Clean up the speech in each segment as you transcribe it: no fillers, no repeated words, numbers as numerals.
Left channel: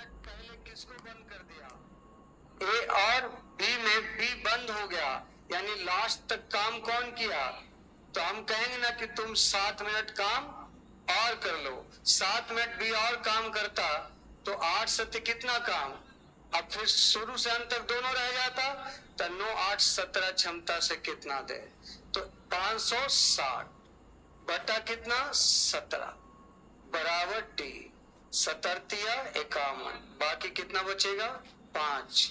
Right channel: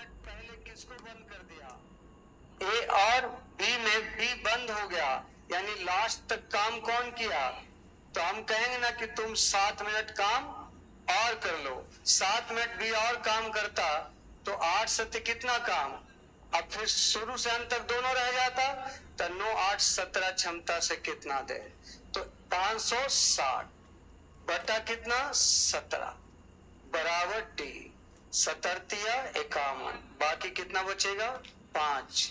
Minute पहले किसको बंद कर दिया? ए और बी में बी बंद हो गया, यानी लास्ट तक काम कौन किया? तो हम कहेंगे ना कि तुम 7 मिनट काम और कर लो। 7 मिनट बी और काम करता तो 8 7 कितना काम? अब फिर शुरू से अंत तक दोनों रह जाता, तो 9 8 17 क्षमता से कितना दे? तो 560 बटा कितना? 17 बराबर डी। 17×51, बाकी कितना बचेगा? 5।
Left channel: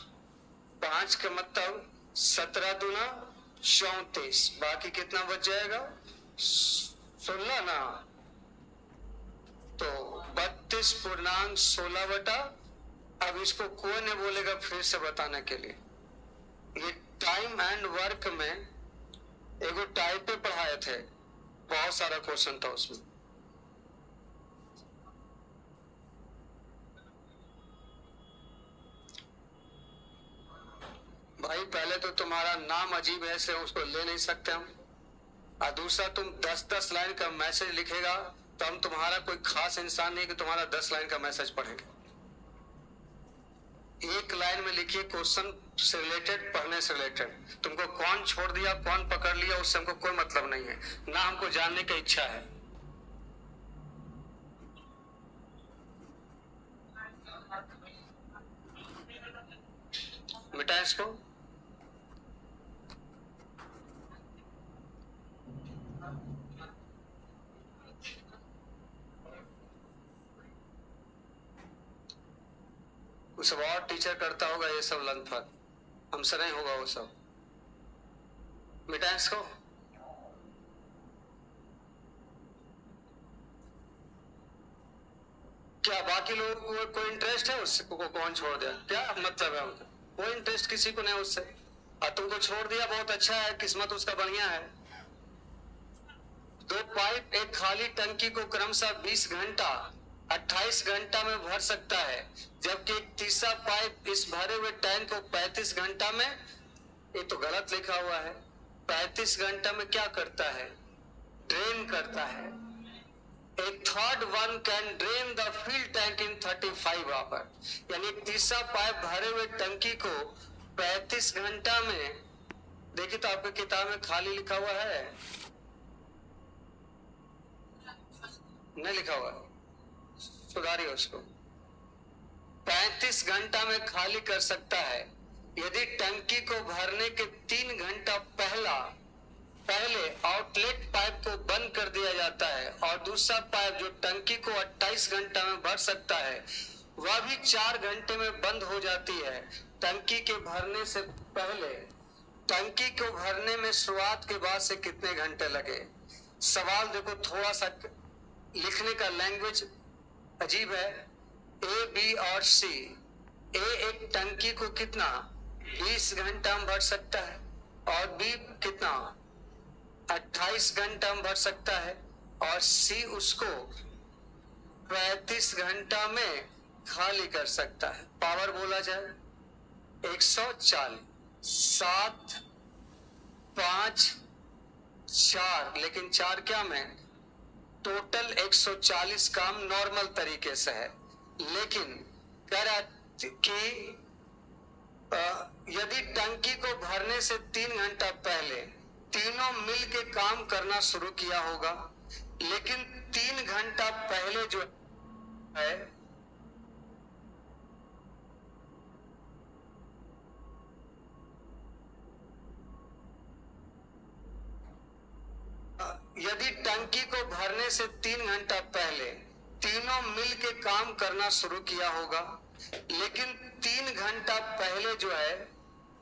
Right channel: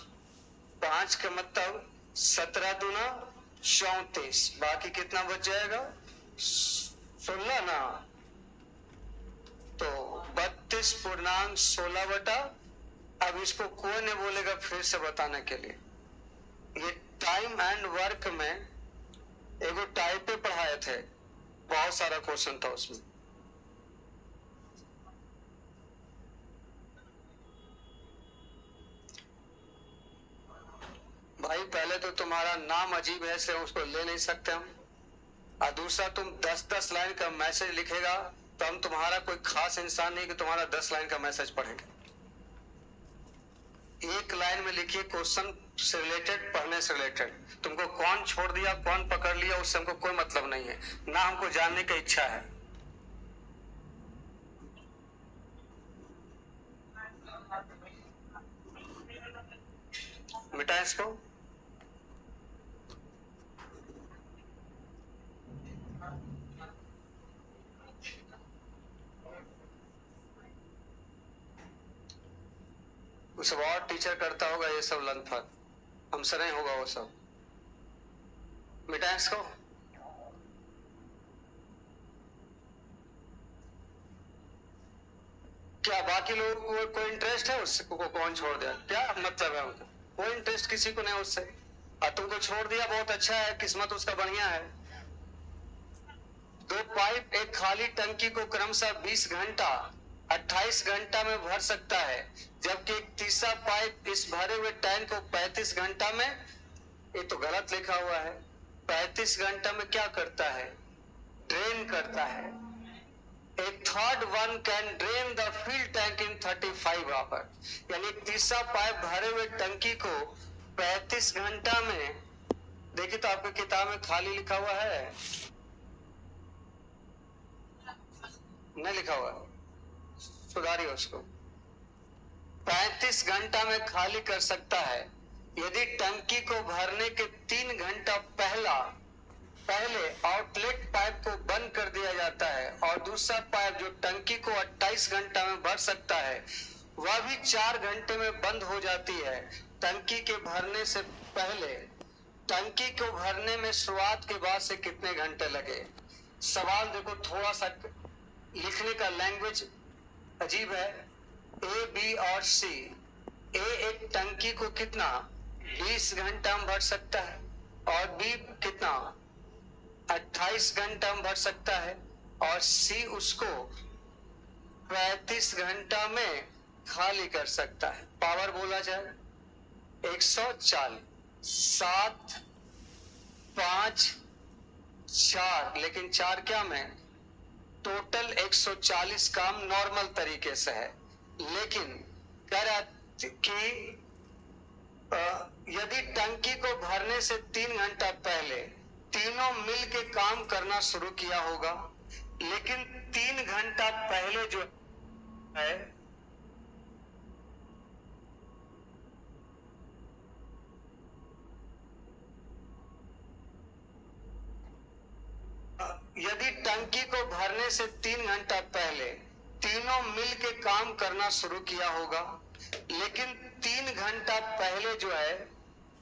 5 का मतलब 17×2 = 34, बाकी कितना बच जाएगा? 16 ना। तो 32.16 बटा, अब इसको कोई नहीं बोलेगा फिर से बताने के लिए। ये टाइम एंड वर्क में एगो टाइप पे पढ़ाए थे, बहुत सारा क्वेश्चन था उसमें। भाई पहले तो तुम्हारा नाम अजीब है, इसलिए उसको ले नहीं सकते हम। और दूसरा, तुम 10-10 लाइन का मैसेज लिखेगा तो हम तुम्हारा कोई खास इंसान नहीं कि तुम्हारा 10 लाइन का मैसेज पढ़ेंगे। एक लाइन में लिखिए क्वेश्चन से रिलेटेड, पढ़ने से रिलेटेड। तुमको कौन छोड़ दिया, कौन पकड़ लिया, उससे हमको कोई मतलब नहीं है, ना हमको जानने की इच्छा है। मिटाएं इसको। कुछ और टीचर करता होगा ये सब लंथपन, हमसे नहीं होगा वो सब। मिटाएं इसको। क्या बाकी लोगों को कोई इंटरेस्ट है उससे? को कौन छोड़ दिया, क्या मतलब है उनका? कोई इंटरेस्ट किसी को नहीं उससे। और तुमको छोड़ दिया, बहुत अच्छा है, किस्मत उसका बढ़िया है। 2 पाइप एक खाली टंकी को क्रमशः 20 घंटा 28 घंटा में भर सकता है, जबकि एक तीसरा पाइप इस भरे हुए टैंक को 35 घंटा में, ये तो गलत लिखा हुआ है, 35 घंटा में क्या करता है? ड्रेन करता है। A third one can drain the fill tank in 35 hours, यानी तीसरा पाइप भरे हुए टंकी को 35 घंटा में, देखिए तो आपकी किताब में खाली लिखा हुआ है, नहीं लिखा हुआ, सुधारिए उसको। 35 घंटा में खाली कर सकता है यदि टंकी को भरने के 3 घंटा पहले आउटलेट पाइप को बंद कर दिया जाता है, और दूसरा पाइप जो टंकी को 28 घंटा में भर सकता है वह भी 4 घंटे में बंद हो जाती है। टंकी के भरने से पहले, टंकी को भरने में शुरुआत के बाद से कितने घंटे लगे? सवाल देखो, थोड़ा सा लिखने का लैंग्वेज अजीब है। ए बी और सी। ए एक टंकी को कितना 20 घंटा में भर सकता है, और बी कितना 28 घंटा में भर सकता है, और सी उसको 35 घंटा में खाली कर सकता है। पावर बोला जाए 140, 7 5 4, लेकिन 4 क्या में, टोटल 140 काम नॉर्मल तरीके से है। लेकिन कह रहा कि यदि टंकी को भरने से 3 घंटा पहले तीनों मिल के काम करना शुरू किया होगा, लेकिन 3 घंटा पहले जो है यदि टंकी को भरने से 3 घंटा पहले तीनों मिल के काम करना शुरू किया होगा, लेकिन 3 घंटा पहले जो है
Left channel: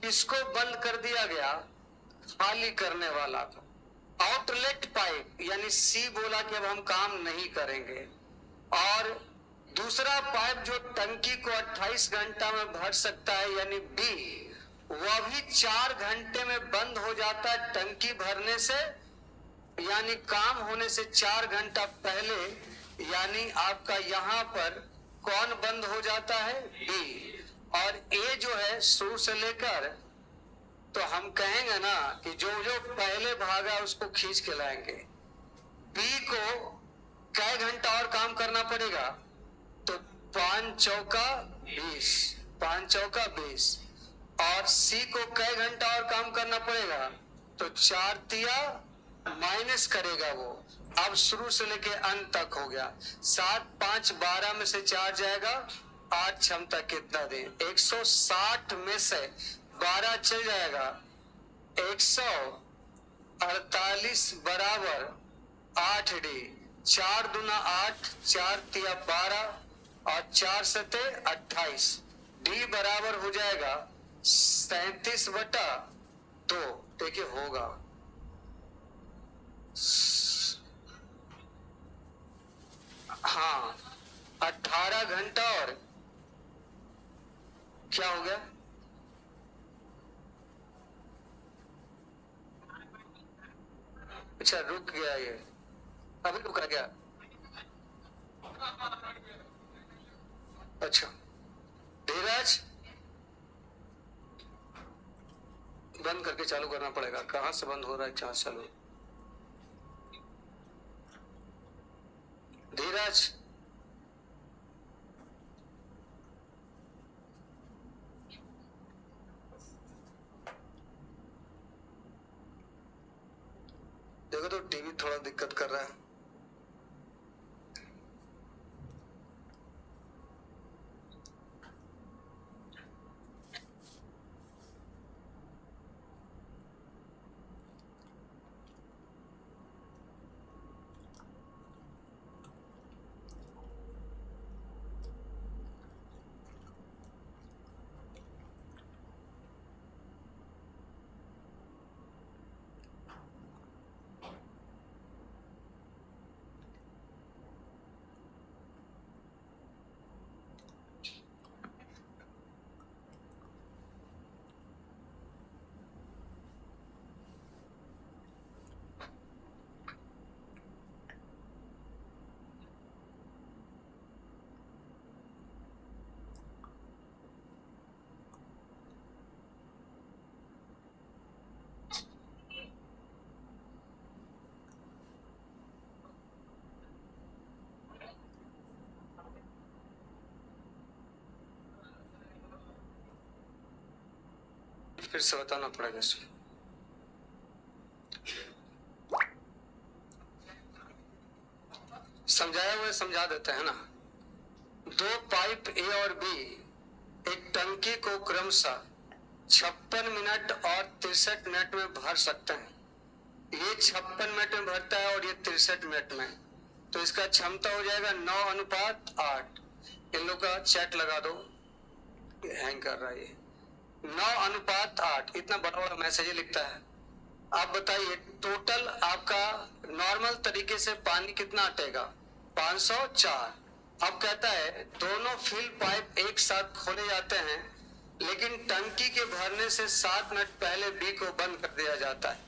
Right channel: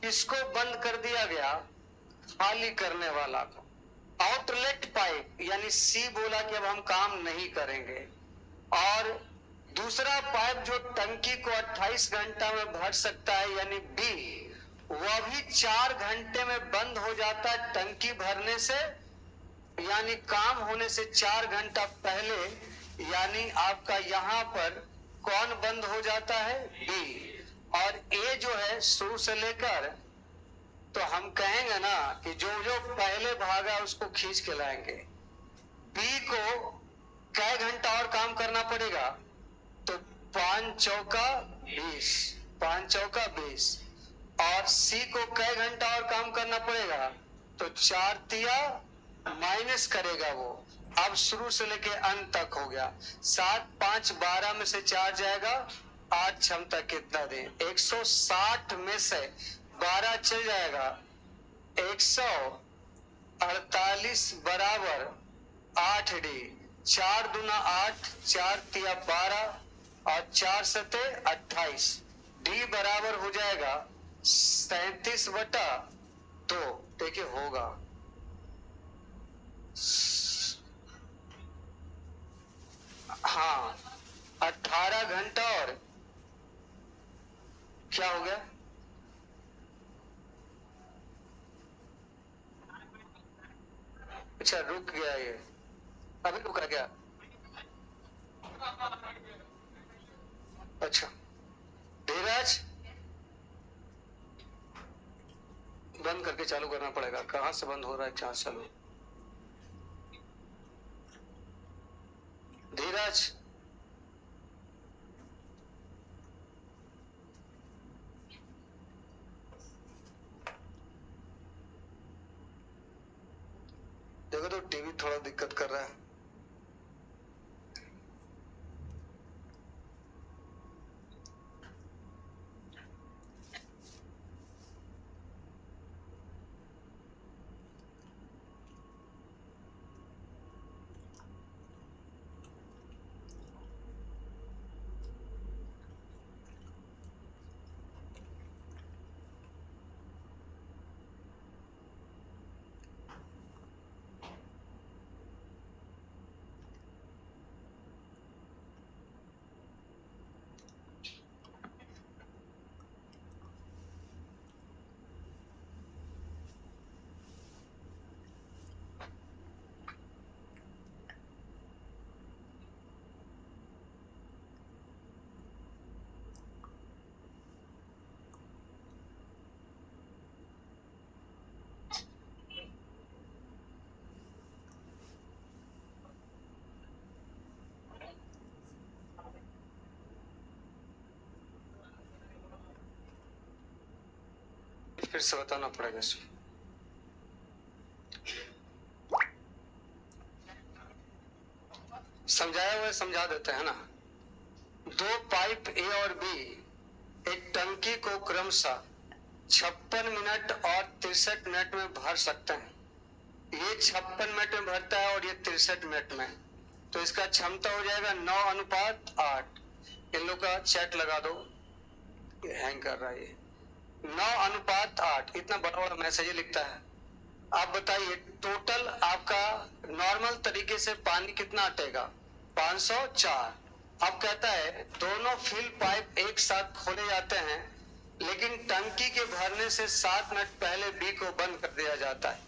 इसको बंद कर दिया गया, खाली करने वाला को। आउटलेट पाइप यानी सी बोला कि अब हम काम नहीं करेंगे, और दूसरा पाइप जो टंकी को 28 घंटा में भर सकता है यानी बी, वह भी 4 घंटे में बंद हो जाता है टंकी भरने से, यानी काम होने से 4 घंटा पहले। यानी आपका यहां पर कौन बंद हो जाता है? बी। और ए जो है शुरू से लेकर, तो हम कहेंगे ना कि जो जो पहले भागा उसको खींच के लाएंगे। बी को कै घंटा और काम करना पड़ेगा? तो 5 चौका 20, 5 चौका 20। और सी को कई घंटा और काम करना पड़ेगा, तो 4 तिया माइनस करेगा वो। अब शुरू से लेके अंत तक हो गया। 7 5 12 में से 4 जाएगा, 8 क्षमता कितना दें? 160 में से 12 चल जाएगा, 148 बराबर 8 डी। 4 दूना 8, 4 तिया 12 और 4 सते 28। डी बराबर हो जाएगा 37/2। देखिए होगा हाँ 18 घंटा। और क्या हो गया? अच्छा रुक गया ये, अभी रुका क्या? अच्छा धीरज, बंद करके चालू करना पड़ेगा। कहां से बंद हो रहा है, कहां से चालू? धीरज, देखो तो टीवी थोड़ा दिक्कत कर रहा है। फिर से बताना पड़ेगा इसमें। समझाया हुआ समझा देते हैं ना। 2 पाइप ए और बी एक टंकी को क्रमशः 56 मिनट और 63 मिनट में भर सकते हैं। ये 56 मिनट में भरता है और ये 63 मिनट में, तो इसका क्षमता हो जाएगा 9:8। इन लोग का चैट लगा दो, ये हैंग कर रहा है ये। 9:8 इतना बड़ा बड़ा मैसेज लिखता है। आप बताइए टोटल आपका नॉर्मल तरीके से पानी कितना अटेगा? 504। अब कहता है दोनों फिल पाइप एक साथ खोले जाते हैं, लेकिन टंकी के भरने से 7 मिनट पहले बी को बंद कर दिया जाता है।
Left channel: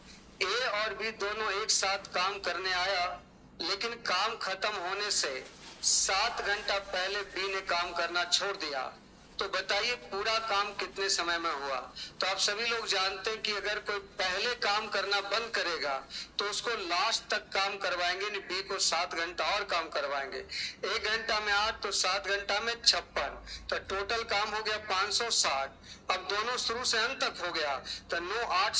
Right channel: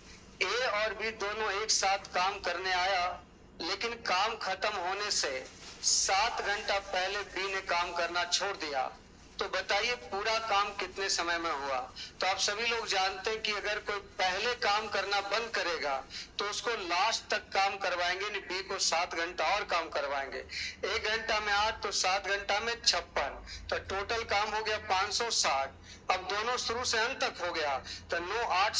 ए और बी दोनों एक साथ काम करने आया, लेकिन काम खत्म होने से 7 घंटा पहले बी ने काम करना छोड़ दिया। तो बताइए पूरा काम कितने समय में हुआ? तो आप सभी लोग जानते हैं कि अगर कोई पहले काम करना बंद करेगा तो उसको लास्ट तक काम करवाएंगे, नहीं बी को 7 घंटा और काम करवाएंगे। 1 घंटा में 8 तो 7 घंटा में 56, तो टोटल काम हो गया 560। अब दोनों शुरू से अंत तक हो गया, तो 9:8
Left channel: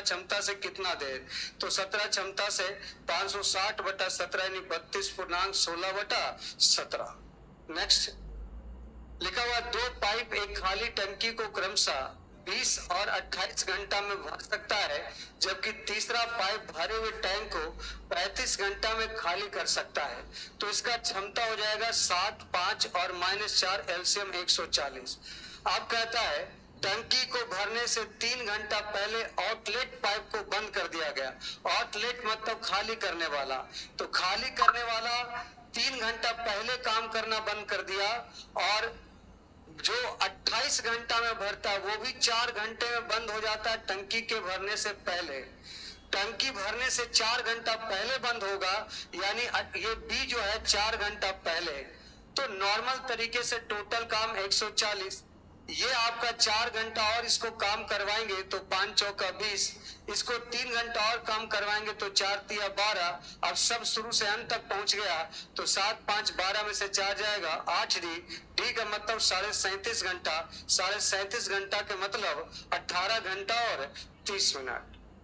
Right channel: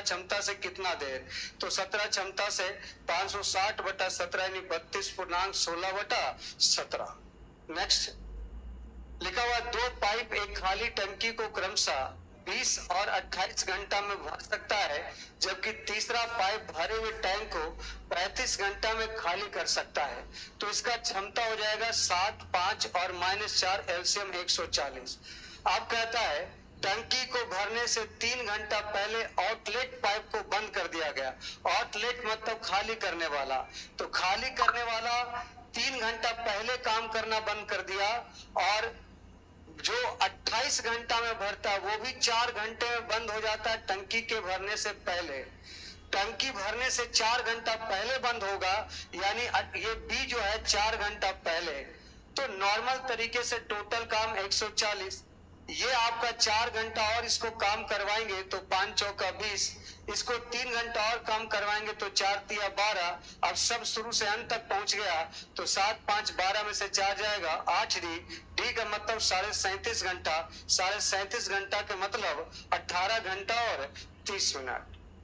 क्षमता से कितना देर? तो 17 क्षमता से 560/17 यानी 32.16/17। नेक्स्ट लिखा हुआ 2 पाइप एक खाली टंकी को क्रमशः 20 और 28 घंटा में भर सकता है, जबकि तीसरा पाइप भरे हुए टैंक को 35 घंटा में खाली कर सकता है। तो इसका क्षमता हो जाएगा 7 5 और -4 एलसीएम 140। अब कहता है टंकी को भरने से 3 घंटा पहले आउटलेट पाइप को बंद कर दिया गया। आउटलेट मतलब खाली करने वाला, तो खाली करने वाला 3 घंटा पहले काम करना बंद कर दिया, और जो 28 घंटा में भरता है वो भी 4 घंटे में बंद हो जाता है टंकी के भरने से पहले। टंकी भरने से 4 घंटा पहले बंद होगा, यानी ये बी जो है 4 घंटा पहले। तो नॉर्मल तरीके से टोटल काम 140, ये आपका 4 घंटा और इसको काम करवाएंगे तो 5 चौका 20, इसको 3 घंटा और काम करवाएंगे तो 4 तिया 12। अब सब शुरू से अंत तक पहुंच गया तो 7 5 12 में से 4 जाएगा 8 डी, डी का मतलब 37.5 घंटा, 37.5 घंटा के मतलब 18 घंटा और 30 मिनट।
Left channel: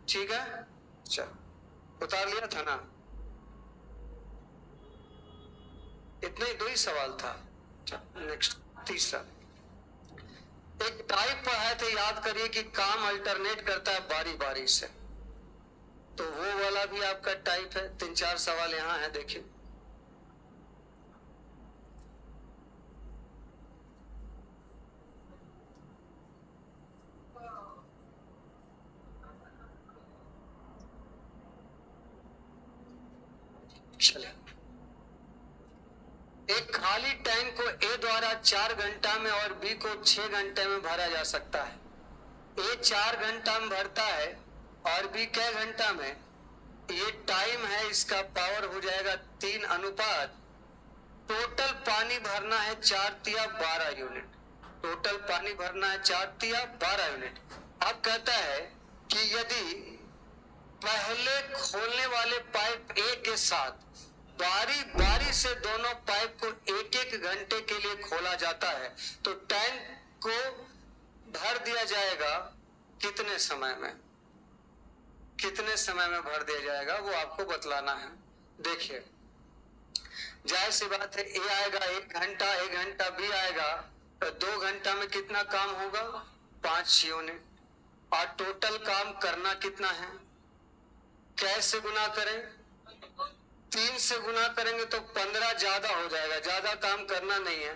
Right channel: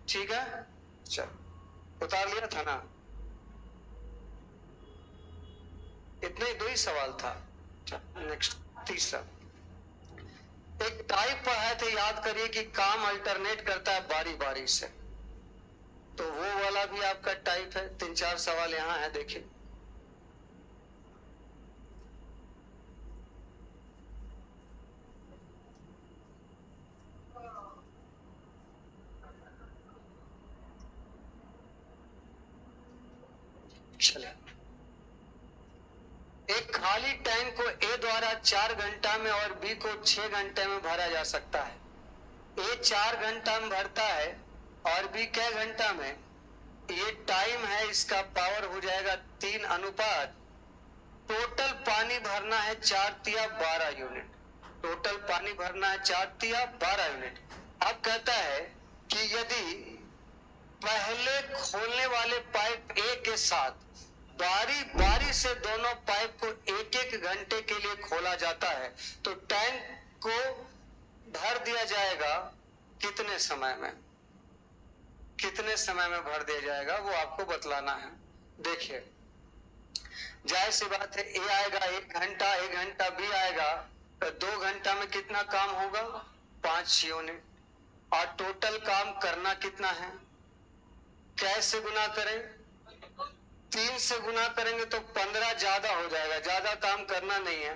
ठीक है, चलो उतार लिया था ना, इतना ही 2 ही सवाल था। नेक्स्ट तीसरा, एक टाइप पढ़ाए थे, याद करिए कि काम अल्टरनेट करता है बारी बारी से, तो वो वाला भी आपका टाइप है। 3 4 सवाल यहां है, देखिए। चलिए, एक खाली टैंक को ए द्वारा 4 घंटा में और बी को 6 घंटे में भरा जा सकता है। ए 4 घंटा में भरता है और बी कै घंटा में, ये टाइम है, इसका पावर हो जाएगा 3 अनुपात, टोटल पानी भरना है 4 तिया 12 यूनिट, टोटल पानी भरना है 4 तिया 12 यूनिट। अब कहता है कि यदि पहले खोलने वाले पाइप ए के साथ बारी बारी से दोनों पाइप को 1 1 घंटे के लिए खोला जाता है तो टैंक को भर दिया जाएगा कितने समय में, कितने समय में भर दिया जाएगा वो आपको बतलाना है। देखिए, जाहिर सी बात है, ए आएगा 1 घंटा, 1 घंटा बी आएगा तो 2 घंटा में कितना काम होगा, 5 यूनिट, और टोटल काम करना कितना है, कैसे गुना करें, 3 से गुना करेंगे तो 15 ज्यादा हो जाएगा, ज्यादा काम करना नहीं है।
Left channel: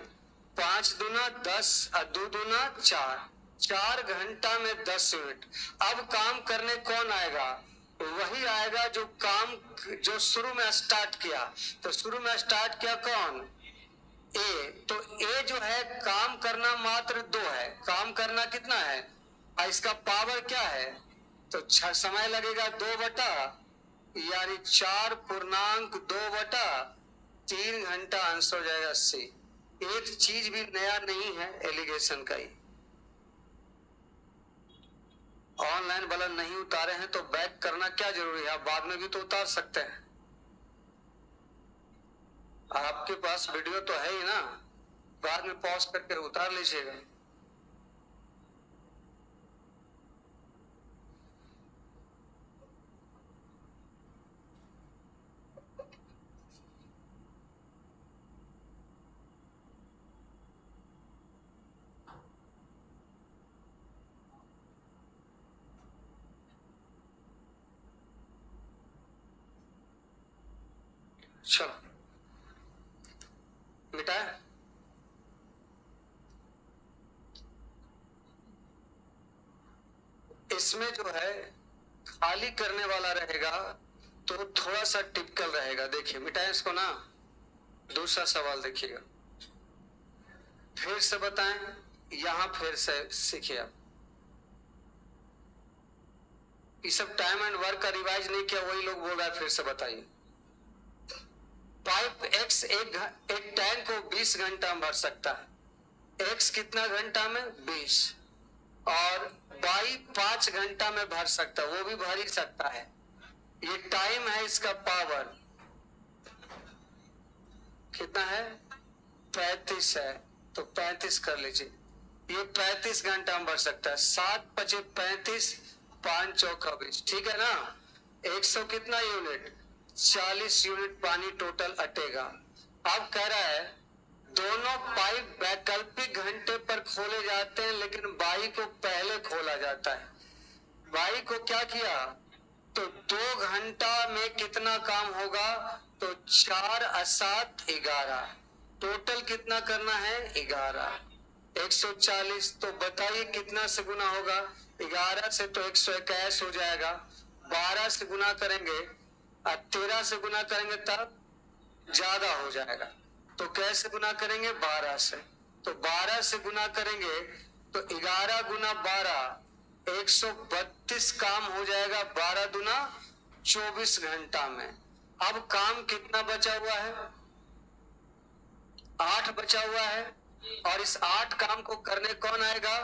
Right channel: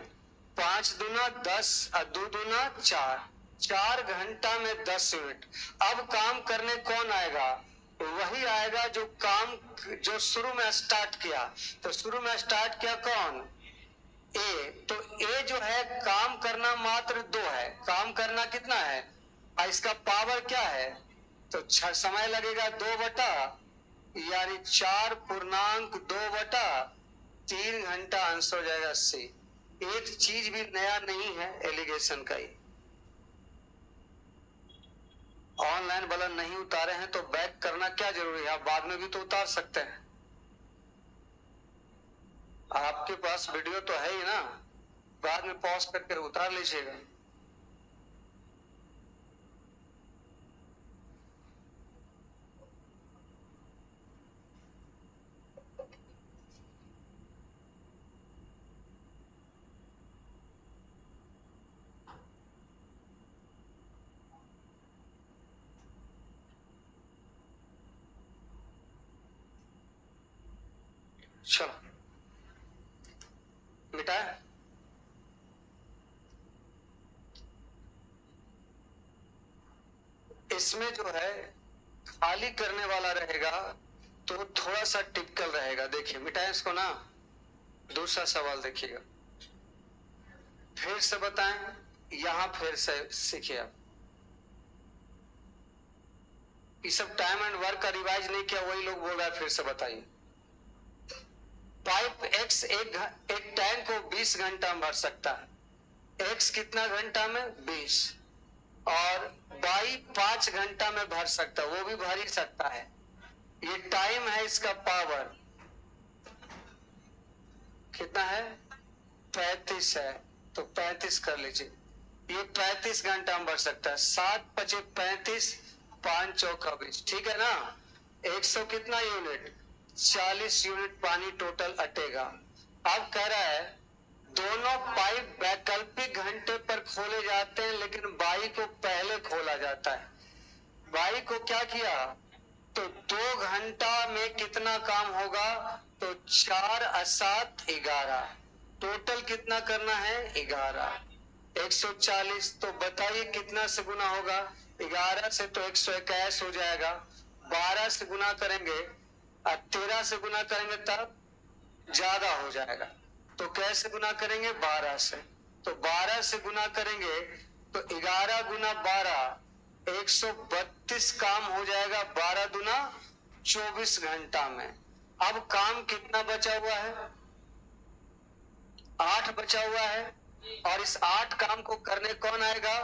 5 दूना 10 और 2 दूना 4, 4 घंटा में 10 यूनिट। अब काम करने कौन आएगा, वही आएगा जो काम, जो शुरू में स्टार्ट किया। तो शुरू में स्टार्ट किया कौन, ए, तो ए जो है काम करना मात्र 2 है, काम करना कितना है, और इसका पावर क्या है, तो समय लगेगा 2 बटा यानी 4.2/3 घंटा, आंसर हो जाएगा सी। एक चीज भी नया नहीं है एलिगेशन का ही। ऑनलाइन वाला नहीं उतारे हैं तो बैक करना क्या जरूरी है, आप बाद में भी तो उतार सकते हैं, आपके पास वीडियो तो है ही ना, बाद में पॉज करके उतार लीजिएगा। चलो मिटाए, इसमें जो है खाली करने वाला रहेगा तो थोड़ा सा टिपिकल रहेगा। देखिए मिटाए इसको ना, दूसरा सवाल देखिएगा, फिर से बताएं, यहां फिर से सीखिए आप, ये सब टाइम एंड वर्क का रिवाइज नहीं किया, वही लोग बोल रहा है फिर से बताइए। पाइप एक्स एक टैंक को 20 घंटा में भर सकता है, एक्स कितना घंटा में 20, और वाई 5 घंटा में भर सकता है, वो भी भर ही सकता है। ये टाइम है, इसका पावर कितना है, 35 है, तो 35 कर लीजिए, ये 35 घंटा में भर सकता है। 7 × 35, 5 चौका 20, ठीक है ना। 100 कितना यूनिट, 40 यूनिट पानी टोटल अटेगा। अब कह रहा है दोनों पाइप वैकल्पिक घंटे पर खोले जाते हैं लेकिन बाई को पहले खोला जाता है। बाई को क्या किया, तो 2 घंटा में कितना काम होगा, तो 4 × 7 = 11, टोटल कितना करना है 11, 140। तो बताइए कितना से गुना होगा, 11 से तो 121 हो जाएगा, 12 से गुना करेंगे और 13 से गुना करेंगे तब ज्यादा हो जाएगा। तो कैसे गुना करेंगे, 12 से, तो 12 से गुना करेंगे तो 11 × 12 132 काम हो जाएगा, 12 दूना 24 घंटा में। अब काम कितना बचा हुआ है, 8 बचा हुआ है, और इस 8 काम को करने कौन आएगा?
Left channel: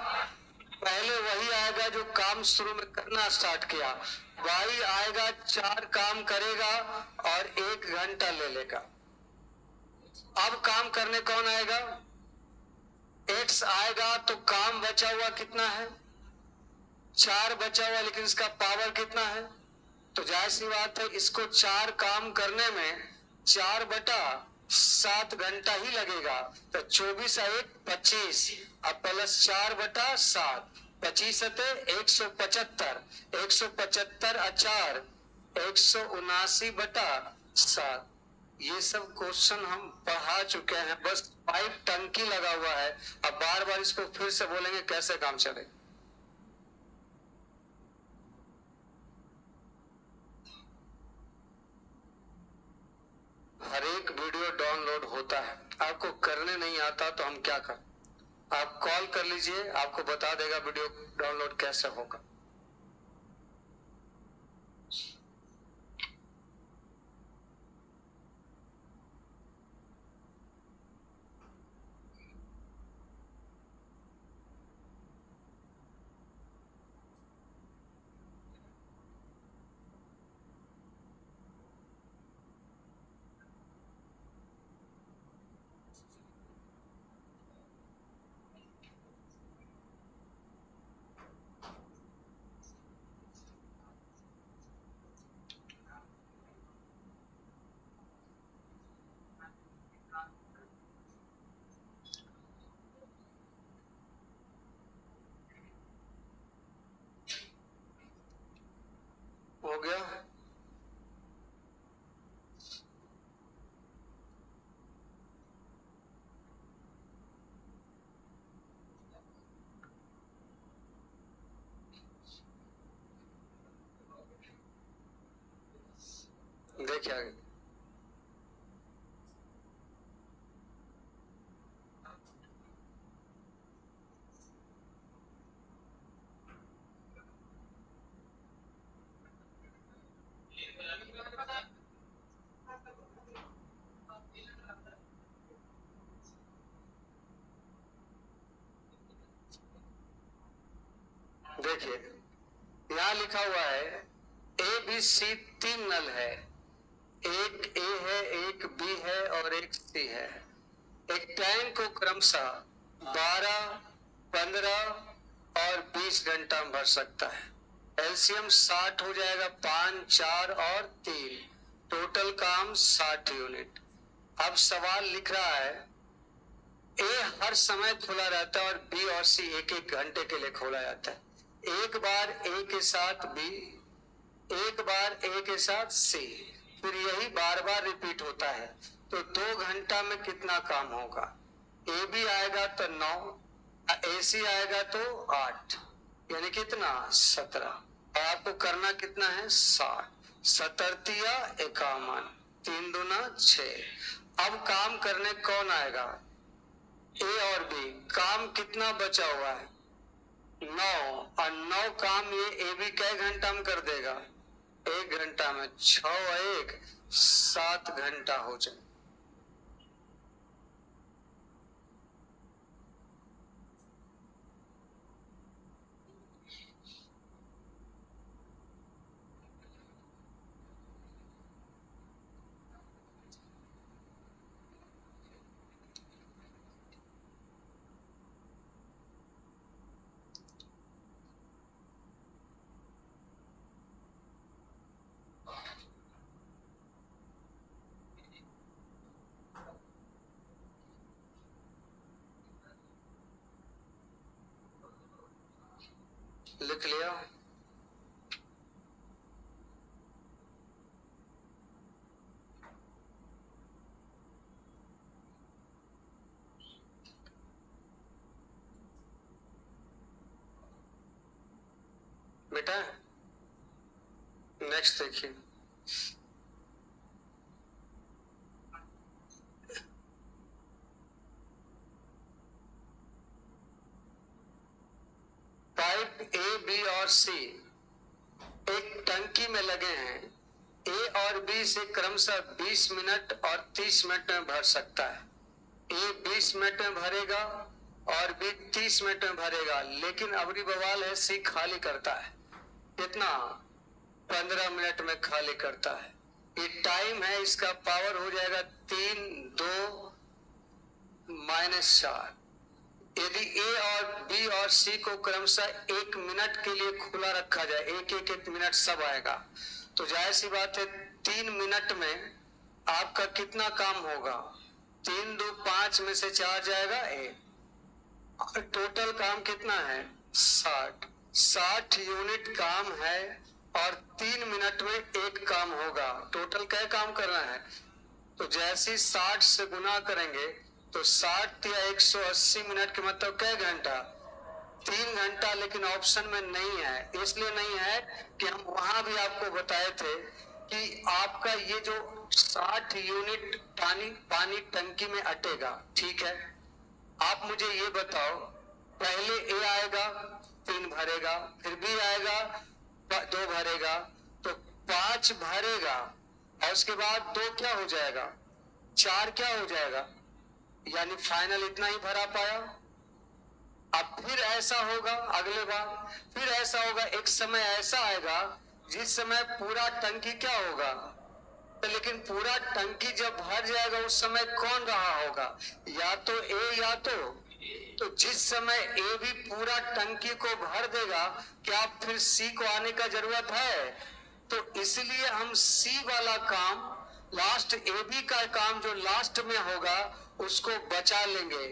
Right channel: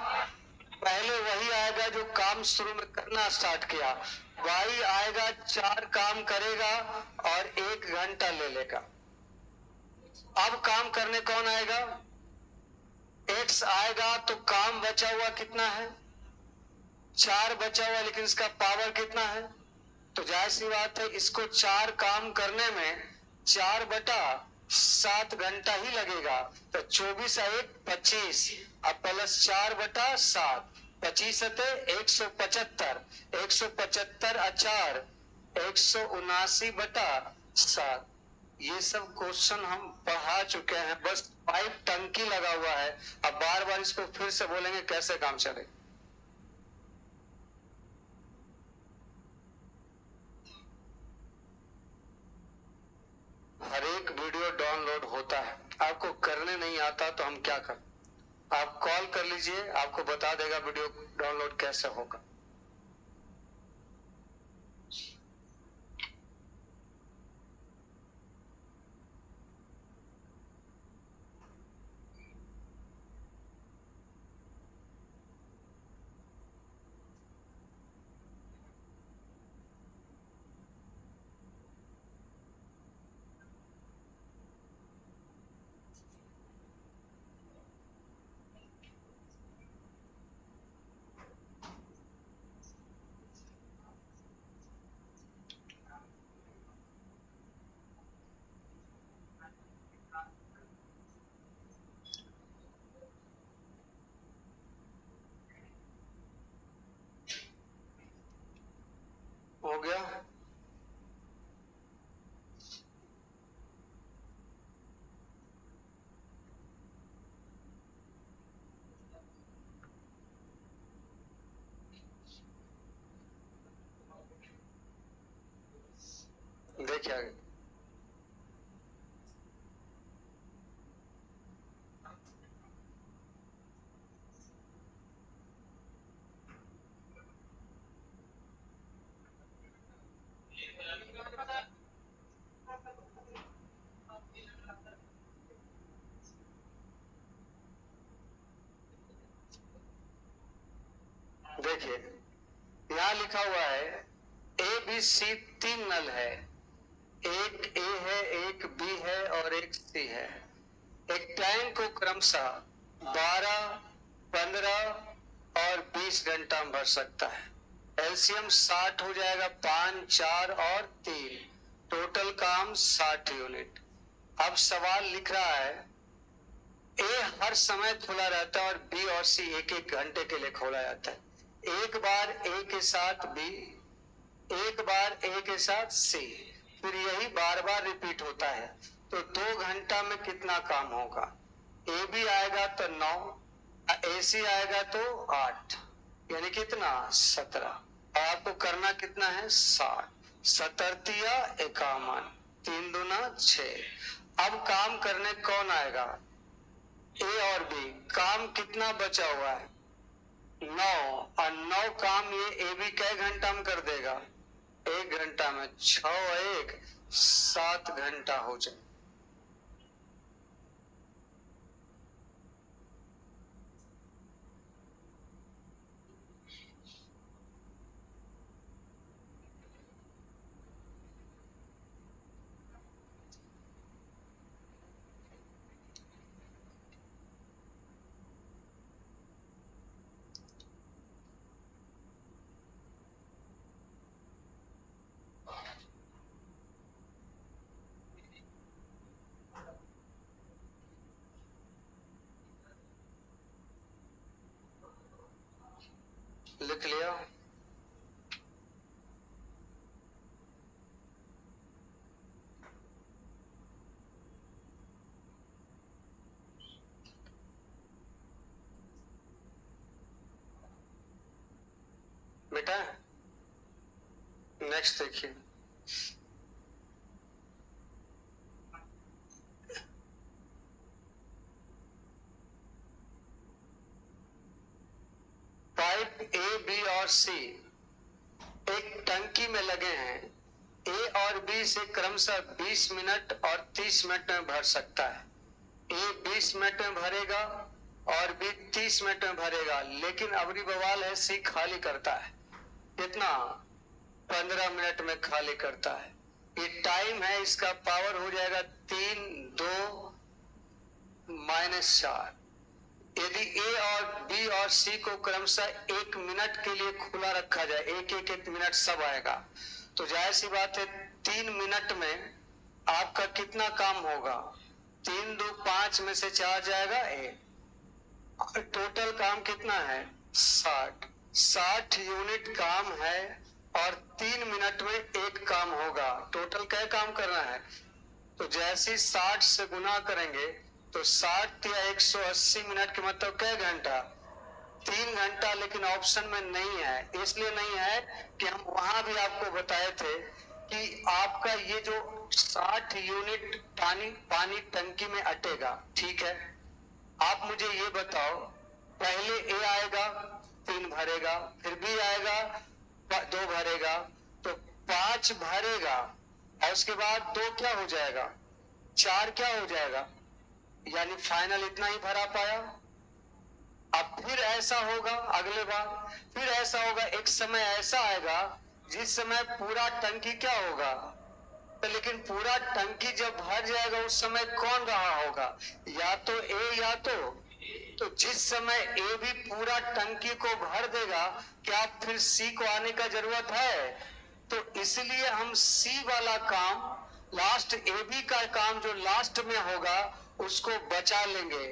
पहले वही आएगा जो काम शुरू में करना स्टार्ट किया। वाई आएगा, 4 काम करेगा और 1 घंटा ले लेगा। अब काम करने कौन आएगा? एक्स आएगा तो काम बचा हुआ कितना है? 4 बचा हुआ, लेकिन इसका पावर कितना है? तो जाहिर सी बात है इसको 4 काम करने में 4/7 घंटा ही लगेगा। तो 24 1 25, अब प्लस 4/7, 25 175, 175 4 179/7। ये सब क्वेश्चन हम पढ़ा चुके हैं, बस पाइप टंकी लगा हुआ है। अब बार बार इसको फिर से बोलेंगे कैसे काम चलेगा। हर एक वीडियो डाउनलोड होता है, आपको करने नहीं आता तो हम क्या करें? आप कॉल कर लीजिए, आपको बता देगा वीडियो डाउनलोड कैसे होगा। हो गया? देखिए आगे। देखिए यहां लिखा हुआ है ए बी सी 3 नल है। एक ए है, एक बी है और एक सी है। एक टैंक को क्रमशः 12, 15 और 20 घंटा में भर सकता है। एलसीएम 60 हो जाएगा, 5, 4 और 3, टोटल काम 60 यूनिट। अब सवाल लिख रहा है ए हर समय खुला रहता है और बी और सी एक एक घंटे के लिए खोला जाता है। एक बार ए के साथ बी, एक बार ए के साथ सी, फिर यही बार बार रिपीट होता है। तो 2 घंटा में कितना काम होगा? ए बी आएगा तो 9, ए सी आएगा तो 8, यानी कितना? 17। और आपको करना कितना है? 60, 17 51, 3 दूना 6। अब काम करने कौन आएगा? ए और बी। काम कितना बचा हुआ है? 9, और 9 काम ये ए बी कै घंटा में कर देगा? 1 घंटा में। 6 और 1 7 घंटा हो जाए। लिख लिया? बेटा नेक्स्ट देखिए। पाइप ए बी और सी एक टंकी में लगे हैं। ए और बी से क्रमशः 20 मिनट और 30 मिनट में भर सकता है। ए 20 मिनट में भरेगा और बी 30 मिनट में भरेगा, लेकिन अबरी बवाल है सी खाली करता है कितना, 15 मिनट में खाली करता है। ये टाइम है, इसका पावर हो जाएगा 3 2 -4। यदि ए और बी और सी को क्रमशः 1 मिनट के लिए खुला रखा जाए, एक मिनट सब आएगा, तो जाहिर सी बात है 3 मिनट में आपका कितना काम होगा, 3 2 5 में से 4 जाएगा ए, टोटल काम कितना है 60 यूनिट काम है और 3 मिनट में एक काम होगा। टोटल क्या काम करना है, तो जैसे 60 से गुना करेंगे तो 60 या 180 मिनट के मतलब क्या घंटा, 3 घंटा। लेकिन ऑप्शन में नहीं है, इसलिए नहीं है कि हम वहां भी आपको बताए थे कि आपका ये जो 60 यूनिट पानी टंकी में अटेगा, ठीक है। आप मुझे ये बताओ, पहले ए आएगा 3 भरेगा, फिर बी आएगा 2 भरेगा, तो 5 भरेगा और उसके बाद 2 क्या हो जाएगा, 4 क्या हो जाएगा, यानी फाइनल इतना ही भरा पाया। अब फिर ऐसा होगा अगले बार, फिर ऐसा होगा, एक समय ऐसा आएगा जिस समय पूरा टंकी क्या होगा, तो लेकिन पूरा टंकी जब भर जाएगा उस समय कौन रहा होगा, या तो ए या तो जिस समय ए भी पूरा टंकी को भर देगा, क्या फिर सी को आने का जरूरत है, तो इसलिए हम सी वाला काम लास्ट, ए बी का काम जो लास्ट में होगा उसको बचा लेंगे।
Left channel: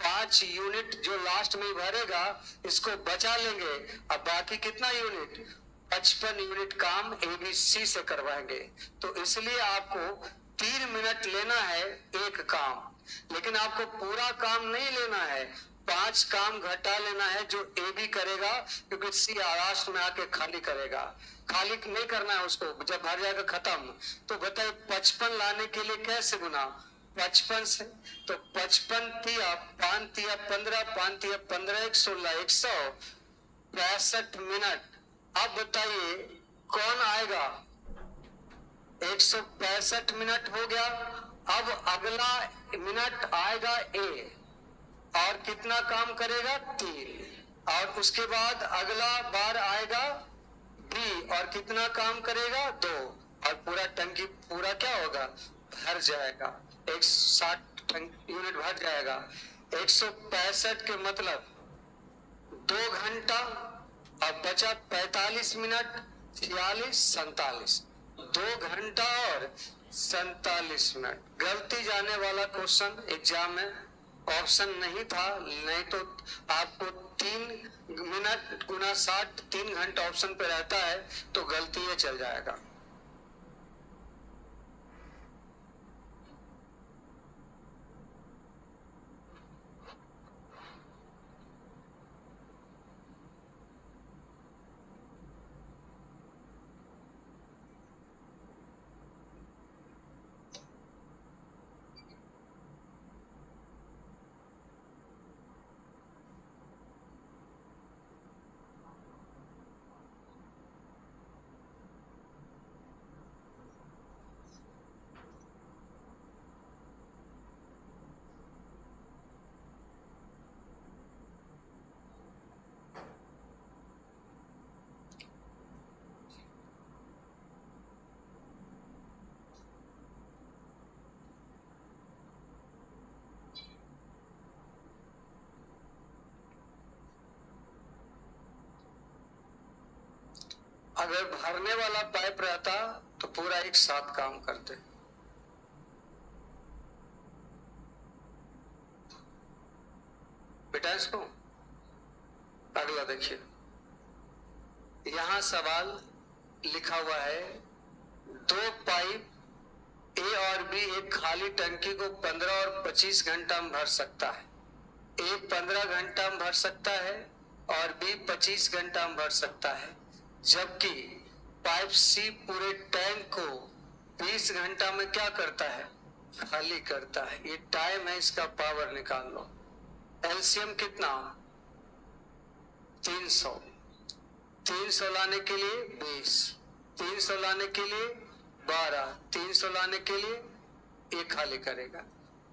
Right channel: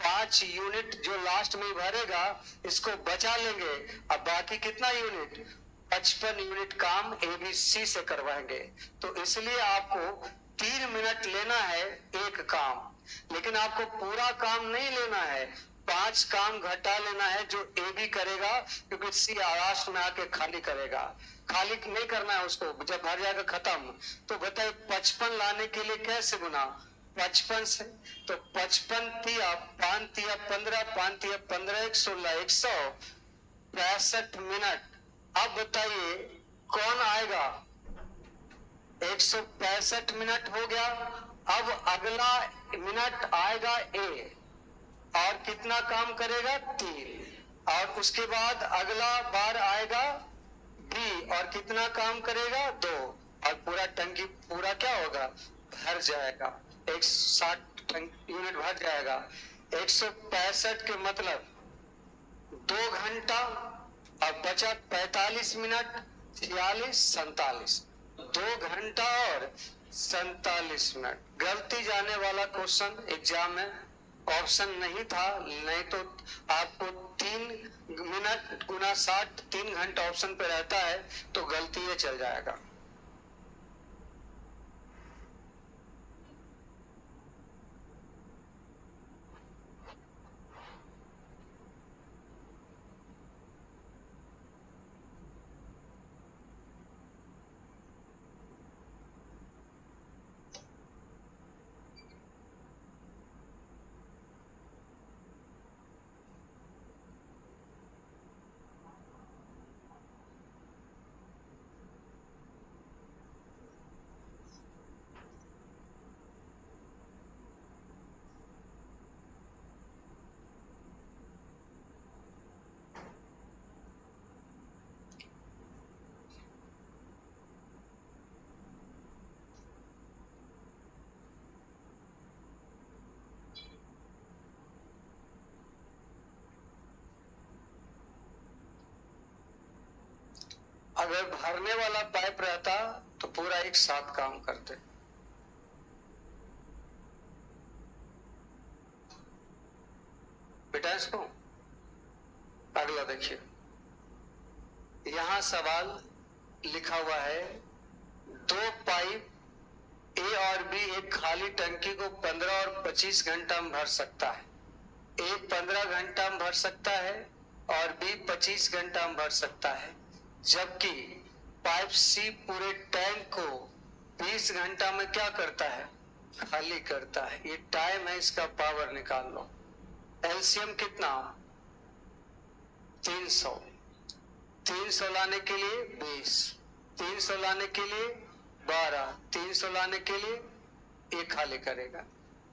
5 यूनिट जो लास्ट में भरेगा इसको बचा लेंगे, अब बाकी कितना यूनिट, 55 यूनिट काम एबीसी से करवाएंगे। तो इसलिए आपको 3 मिनट लेना है एक काम, लेकिन आपको पूरा काम नहीं लेना है, 5 काम घटा लेना है जो ए बी करेगा, क्योंकि सी लास्ट में आके खाली करेगा। खाली नहीं करना है उसको, जब भर जाएगा खत्म। तो बताइए 55 लाने के लिए कैसे गुना, 55 से, तो 55 तिया 5 तिया 15, 5 तिया 15, 116, 165 मिनट। अब बताइए कौन आएगा, 165 मिनट हो गया। अब अगला मिनट आएगा ए और कितना काम करेगा 3, और उसके बाद अगला बार आएगा बी और कितना काम करेगा 2, और पूरा टंकी पूरा क्या होगा, भर जाएगा, 160 यूनिट भर जाएगा। 165 के मतलब 2 घंटा, अब बचा 45 मिनट, 46 47, 2 घंटा और 47 मिनट। गलती जाने वाला क्वेश्चन एग्जाम में ऑप्शन नहीं था, नहीं तो आपको 3 मिनट गुना 60 3 घंटा ऑप्शन पे रहता है तो गलती ये चल जाएगा। अगर भरने वाला पाइप रहता तो पूरा एक साथ काम करते। बेटा इसको अगला देखिए, यहां सवाल लिखा हुआ है, 2 पाइप ए और बी एक खाली टंकी को 15 और 25 घंटा में भर सकता है। ए 15 घंटा में भर सकता है और बी 25 घंटा में भर सकता है, जबकि पाइप सी पूरे टैंक को 20 घंटा में क्या करता है, खाली करता है। ये टाइम है, इसका पावर निकाल लो। एलसीएम कितना, 300, 300 लाने के लिए 20, 300 लाने के लिए 12, 300 लाने के लिए ये खाली करेगा।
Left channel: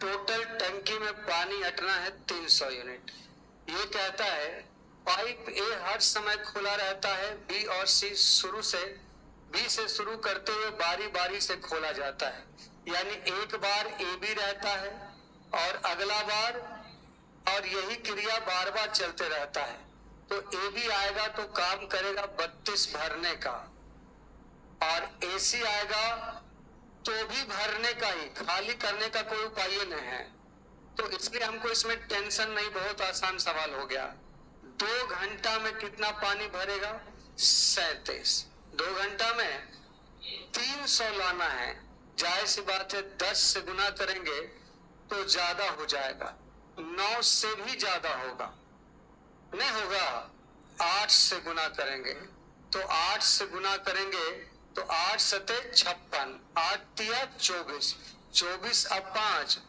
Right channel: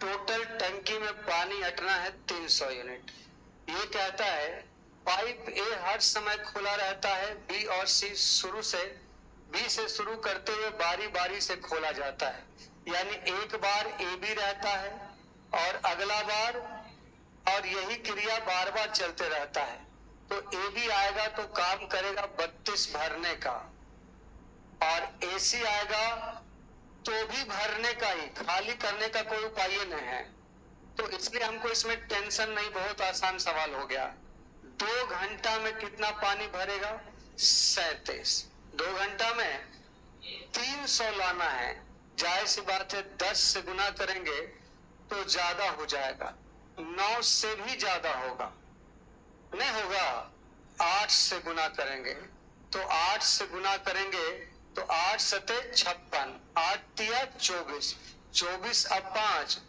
टोटल टंकी में पानी अटना है 300 यूनिट। ये कहता है पाइप ए हर समय खुला रहता है, बी और सी शुरू से बी से शुरू करते हुए बारी बारी से खोला जाता है, यानी एक बार ए बी रहता है और अगला बार, और यही क्रिया बार बार चलते रहता है। तो ए बी आएगा तो काम करेगा 32 भरने का, और एसी आएगा तो भी भरने का ही, खाली करने का कोई उपाय नहीं है। तो इसलिए हमको इसमें टेंशन नहीं, बहुत आसान सवाल हो गया। 2 घंटा में कितना पानी भरेगा? 37। 2 घंटा में 300 लाना है। जाहिर सी बात है 10 से गुना करेंगे तो ज्यादा हो जाएगा, 9 से भी ज्यादा होगा, नहीं होगा। 8 से गुना करेंगे तो 8 से गुना करेंगे तो 8 सते 56, 8 तिया 24, 24 अब 5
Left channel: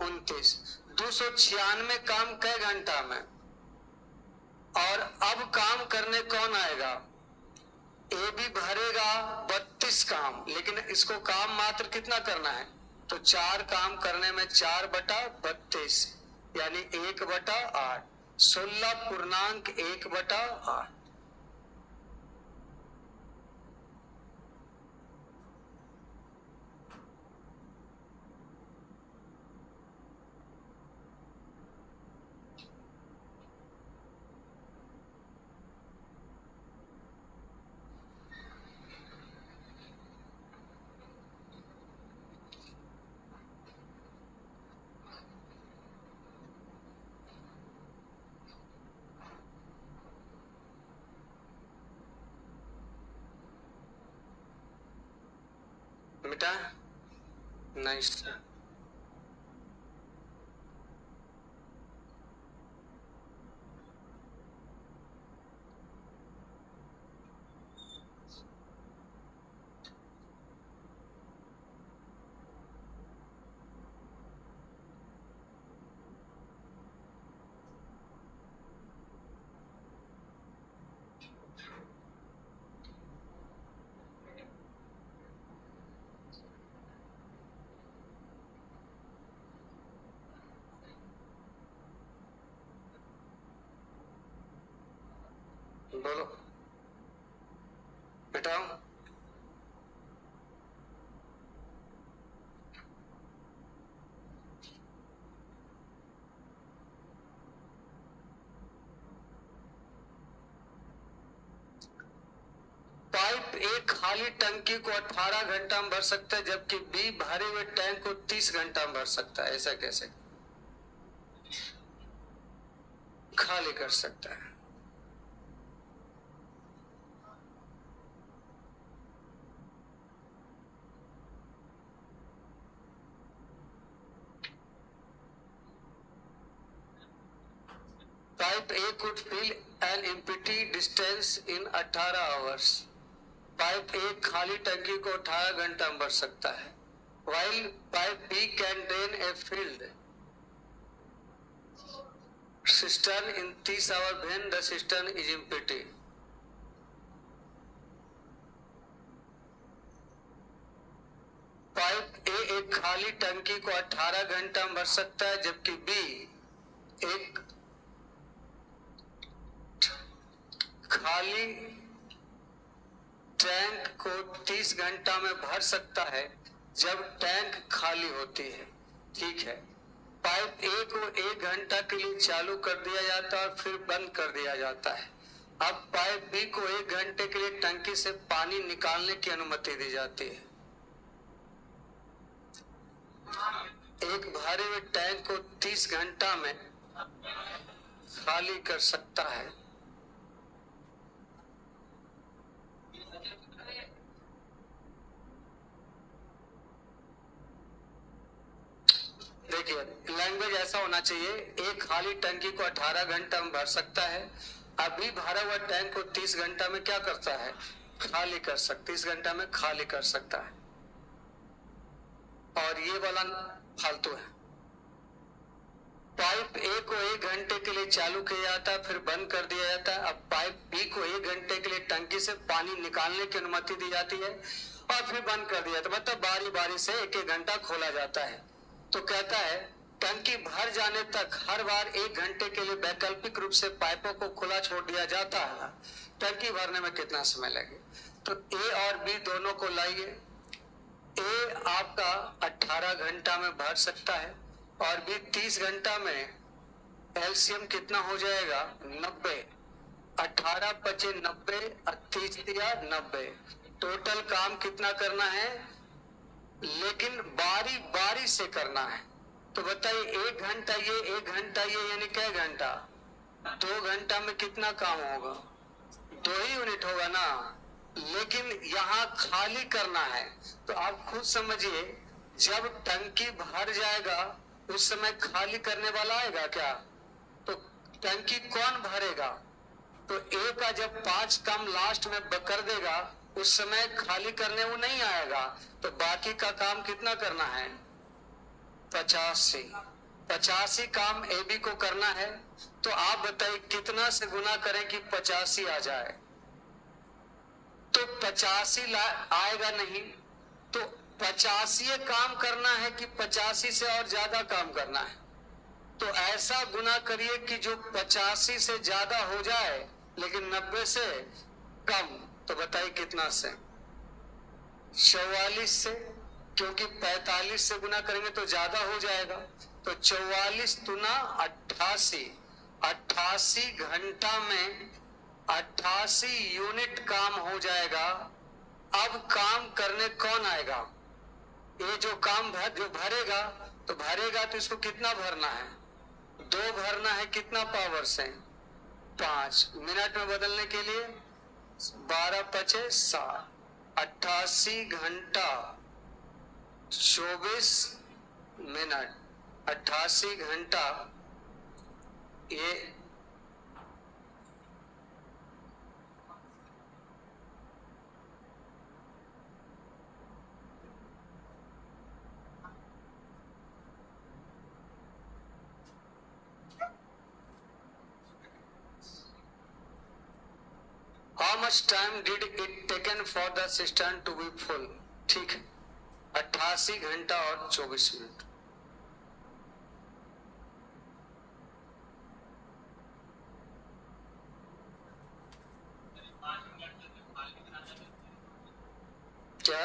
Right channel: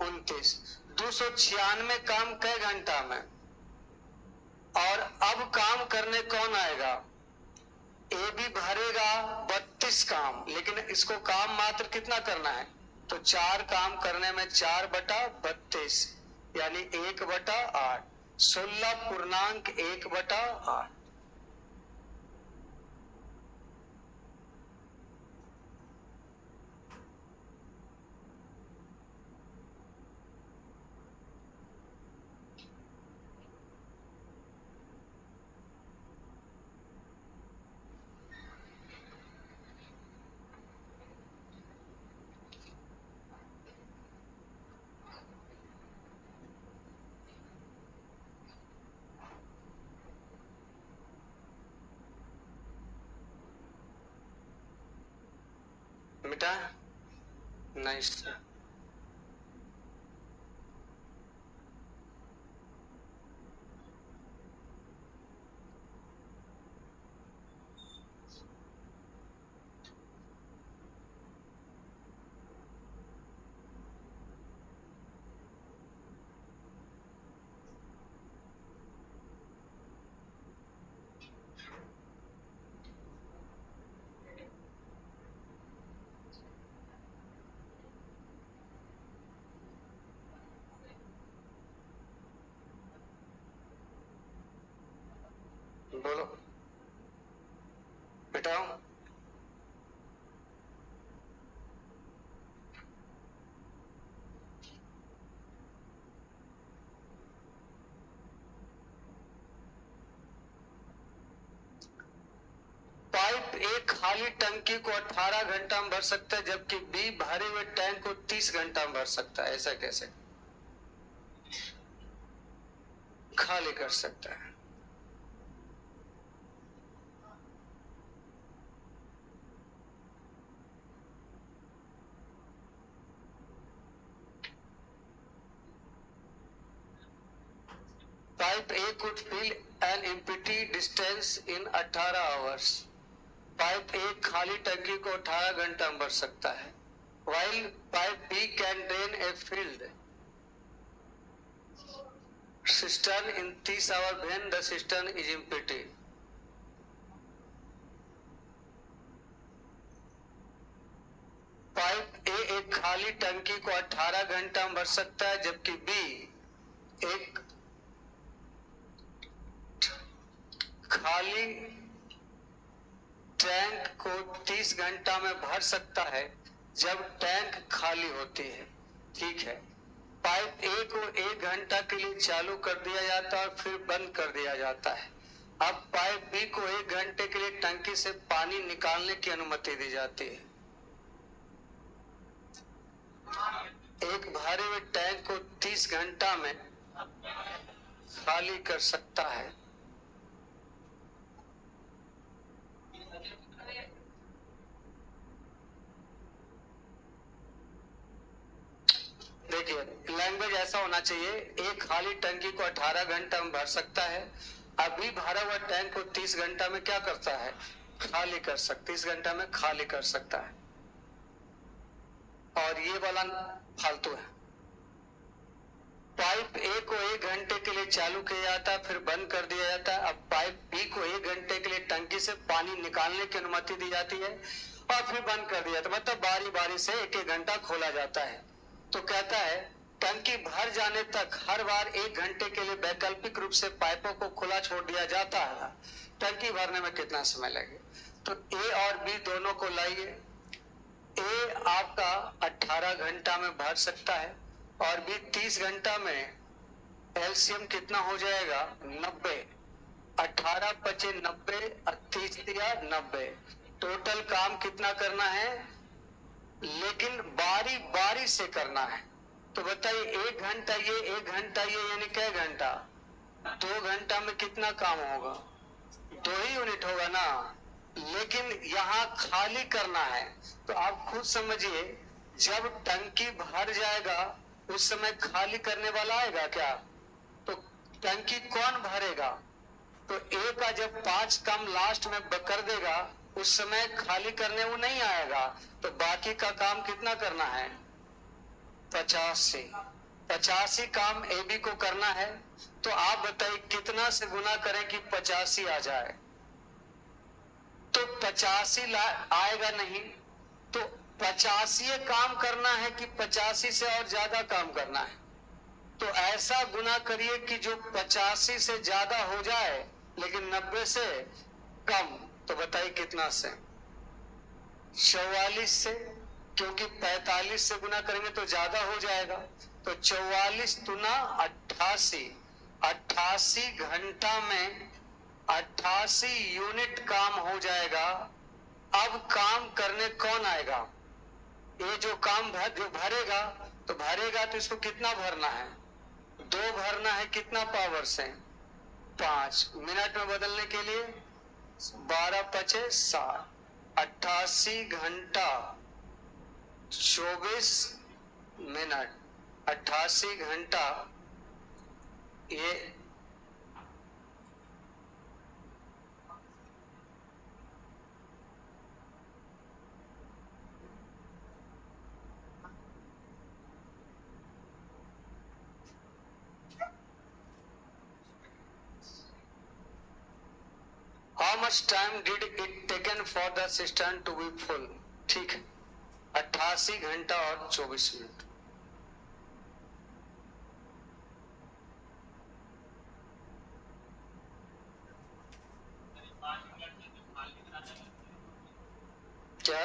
29, 296 काम कई घंटा में। और अब काम करने कौन आएगा? ए भी भरेगा 32 काम, लेकिन इसको काम मात्र कितना करना है? तो 4 काम करने में 4/32 यानी 1/8, 16.1/8। मिटा नाइस। बोलो मिटाओ। पाइप ए खाली टंकी को 18 घंटा में भर सकता है, जबकि बी भरे हुए टैंक को 30 घंटा में भर सकता है। ऐसा कैसे खाली कर सकता है? Pipe A could fill an empty distance in 18 hours. Pipe A खाली टंकी को 18 घंटा में भर सकता है, while pipe B can drain a filled cistern in 30 hours when the cistern is empty. Pipe A एक खाली टंकी को 18 घंटा में भर सकता है, जबकि B एक खाली टैंक को 30 घंटा में भर सकता है जब टैंक खाली होती है। ठीक है, पाइप ए को 1 घंटा के लिए चालू कर दिया जाता है और फिर बंद कर दिया जाता है। अब पाइप बी को 1 घंटे के लिए टंकी से पानी निकालने की अनुमति दी जाती है। एक भरे हुए टैंक को 30 घंटा में खाली कर सकता है। देखिए, लैंग्वेज ऐसा होना चाहिए, एक खाली टंकी को 18 घंटा में भर सकता है, अभी भरा हुआ टैंक को 30 घंटा में क्या करता है? खाली कर सकता, 30 घंटा में खाली कर सकता है। और ये वाला फालतू है। पाइप ए को 1 घंटे के लिए चालू किया जाता है, फिर बंद कर दिया जाता है। अब पाइप बी को 1 घंटे के लिए टंकी से पानी निकालने की अनुमति दी जाती है और फिर बंद कर दिया जाता है। मतलब बारी बारी से 1-1 घंटा खोला जाता है। तो कहता है टंकी भर जाने तक हर बार 1 घंटे के लिए वैकल्पिक रूप से पाइपों को खुला छोड़ दिया जाता है। टंकी भरने में कितना समय लगे? तो ए और बी दोनों को लाइए। ए आपका 18 घंटा में भर सकता है और बी 30 घंटा में। एलसीएम कितना हो जाएगा? 90। 18 पचे 90, 30 दिया 90। टोटल काम कितना करना है, लेकिन बारी बारी से करना है। तो बताइए 1 घंटा ये 1 घंटा ये, यानी क्या घंटा? 2 घंटा में कितना काम होगा? 2 ही यूनिट होगा ना। लेकिन यहाँ खाली करना है। तो आप खुद समझिए, जब टंकी भर जाएगा उस समय खाली करने वाला आएगा क्या? तो टंकी कौन भरेगा? तो ए का जब 5 काम लास्ट में कर देगा उस समय खाली करने वो नहीं आएगा। तो बाकी का काम कितना करना है? 85 काम ए बी को करना है। तो आप बताइए कितना से गुना करें कि 85 आ जाए? तो 85 आएगा नहीं। तो 85 काम करना है कि 85 से और ज्यादा काम करना है? तो ऐसा गुना करिए कि जो 85 से ज्यादा हो जाए लेकिन 90 से कम। तो बताइए कितना से? 44 से, क्योंकि 45 से गुना करेंगे तो ज्यादा हो जाएगा। तो 44 दुना 88, 88 घंटा में 88 यूनिट काम हो जाएगा। अब काम करने कौन आएगा? ये जो काम जो भरेगा, तो भरेगा तो इसको कितना भरना है? 2 भरना है। कितना पावर से? 5। मिनट में बदलने के लिए 12 पचे 7, 88 घंटा 24 मिनट। 88 घंटा ये How much time did it taken for the cistern to be full? ठीक है, 88 घंटा और 24 मिनट। क्या?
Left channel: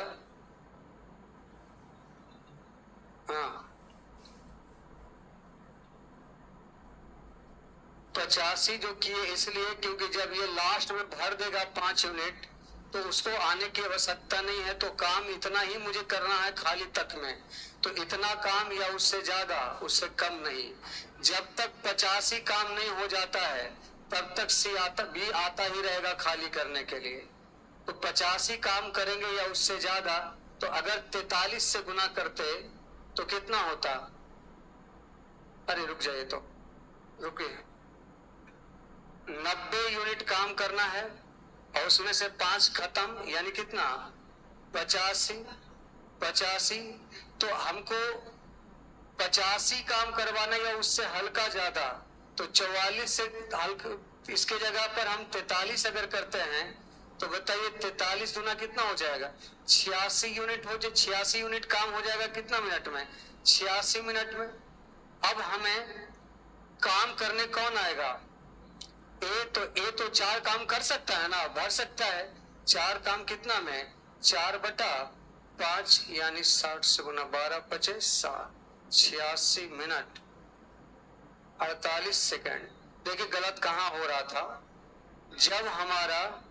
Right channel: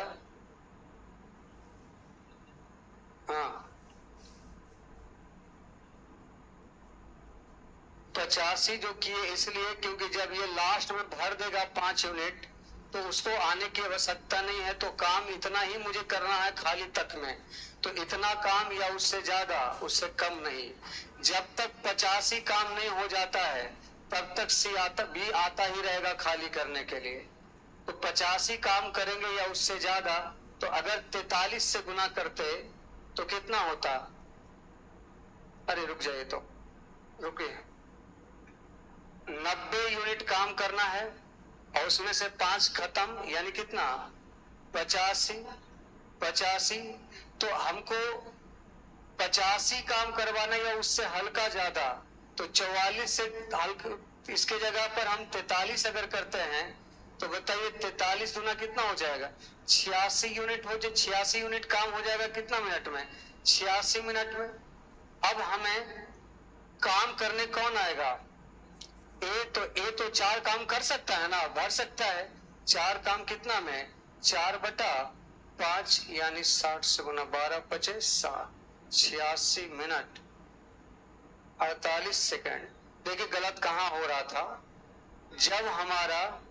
हाँ, 85 जो किए इसलिए क्योंकि जब ये लास्ट में भर देगा 5 यूनिट तो उसको आने की आवश्यकता नहीं है। तो काम इतना ही मुझे करना है खाली तक में। तो इतना काम या उससे ज्यादा, उससे कम नहीं। जब तक 85 काम नहीं हो जाता है तब तक सी आता भी आता ही रहेगा खाली करने के लिए। तो 85 काम करेंगे या उससे ज्यादा, तो अगर 43 से गुना करते तो कितना होता? अरे रुक जाइए, तो रुकिए। 90 यूनिट काम करना है और उसमें से 5 खत्म, यानी कितना? 85। तो हमको 85 काम करवाना या उससे हल्का ज्यादा। तो 44 से हल्का, इसके जगह पर हम 43 अगर करते हैं तो बताइए 43 गुना कितना हो जाएगा? 86 यूनिट हो जाए। 86 यूनिट काम हो जाएगा कितना मिनट में? 86 मिनट में। अब हमें काम करने कौन आएगा? ए तो 4 काम कर सकता है ना, भर सकता है। 4 काम कितना में? 4/5 यानी 60 से गुना 12 पचे 7, 86 मिनट 48 सेकंड। देखिए गलत कहां हो रहा था। जब हमारा